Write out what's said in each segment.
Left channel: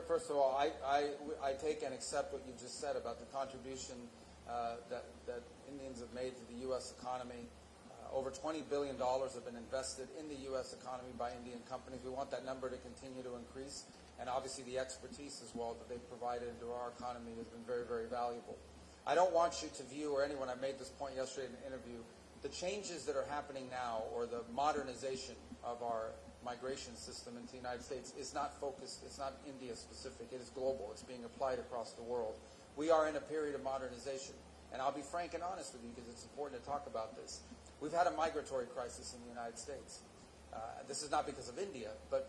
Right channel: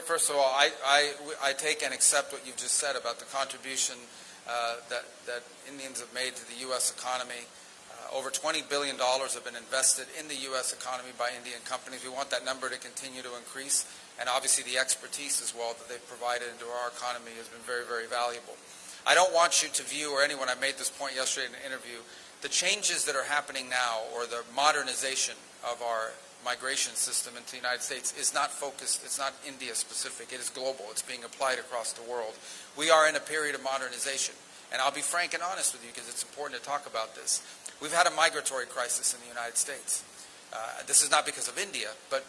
First of all, I take and accept what you've just said about the contribution that Indians have made to the U.S. economy. Over $20 billion have been invested in the U.S. economy by Indian companies. We want that number to continue to increase, and obviously the expertise as well that they've provided into our economy has been very, very valuable. I don't want you to view, or anyone, I made this point yesterday in an interview, the changes that are happening now, or the modernization of our migration system into the United States is not focused, it's not India specific, it is global, it's being applied across the world. We are in a period of modernization, and I'll be frank and honest with you because it's important to talk about this. We've had a migratory crisis in the United States. This is not because of India, but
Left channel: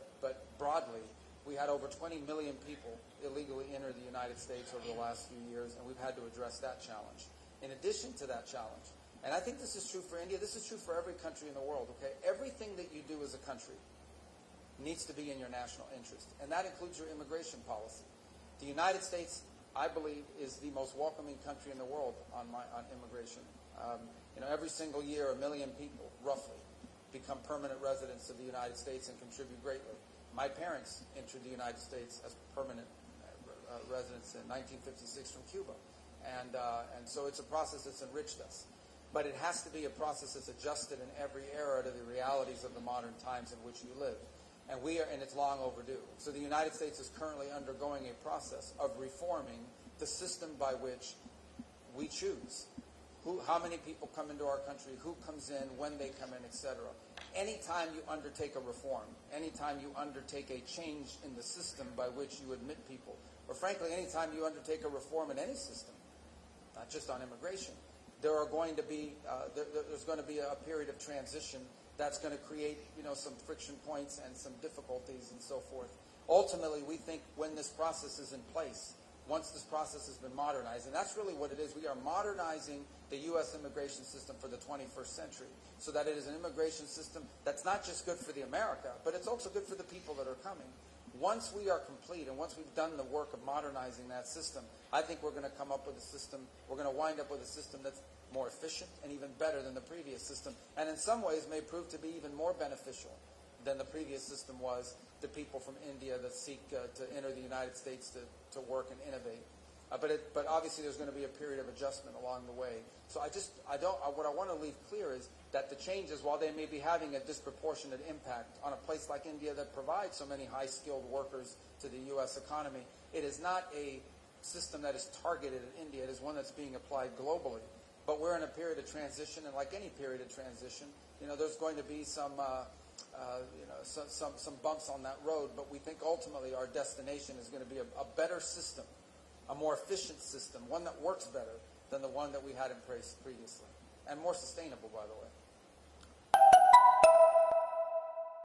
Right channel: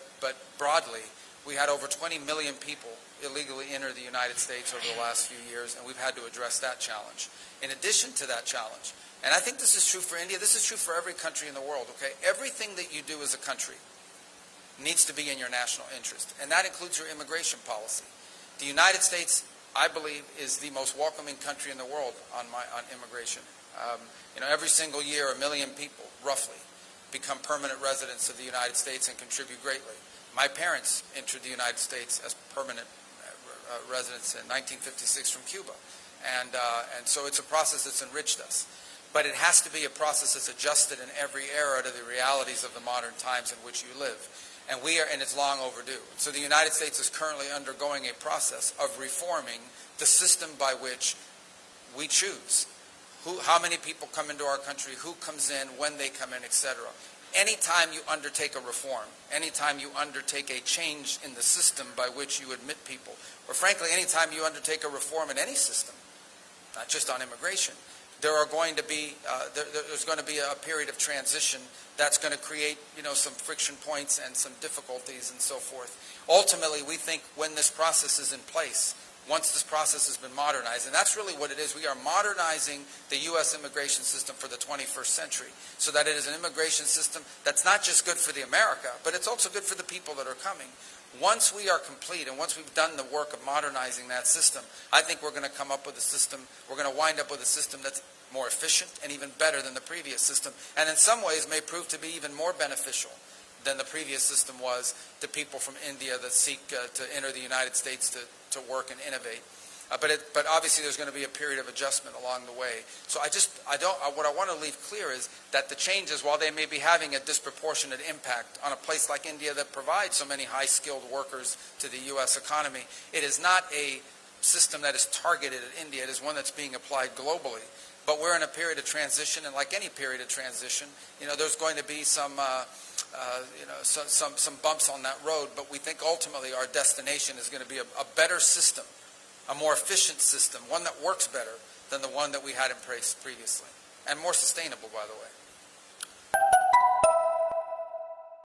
broadly, we had over 20 million people illegally enter the United States over the last few years, and we've had to address that challenge. In addition to that challenge, and I think this is true for India, this is true for every country in the world, okay? Everything that you do as a country needs to be in your national interest, and that includes your immigration policy. The United States, I believe, is the most welcoming country in the world on immigration. Every single year, 1 million people, roughly, become permanent residents of the United States and contribute greatly. My parents entered the United States as permanent residents in 1956 from Cuba, and so it's a process that's enriched us. But it has to be a process that's adjusted in every era to the realities of the modern times in which you live. And it's long overdue. So the United States is currently undergoing a process of reforming the system by which we choose how many people come into our country, who comes in, when they come in, etc. Anytime you undertake a reform, anytime you undertake a change in the system by which you admit people, or frankly, anytime you undertake a reform in any system, not just on immigration, there's going to be a period of transition that's going to create, some friction points and some difficulties and so forth. Ultimately, we think when this process is in place, once this process has been modernized, and that's really what it is, we are modernizing the U.S. immigration system for the 21st century so that it is an immigration system that's not just good for the America, but it's also good for the people that are coming. Once we are complete and once we've done the work of modernizing that system, I think we're going to come up with a system, we're going to wind up with a system that's more efficient and even better than the previous system, and in some ways may prove to be even more beneficial than the previous system was to people from India that seek to enter the United States to work and innovate. But obviously there's going to be a period of adjustment along the way. So what I want to leave clear is that the changes, while they may be having a disproportionate impact on a place like India that provides so many high-skilled workers to the U.S. economy, it is not a system that is targeted at India. It is one that's being applied globally. But we're in a period of transition, and like any period of transition, there's going to be some bumps on that road. But we think ultimately our destination is going to be a better system, a more efficient system, one that works better than the one that we had in place previously, and more sustainable, by the way.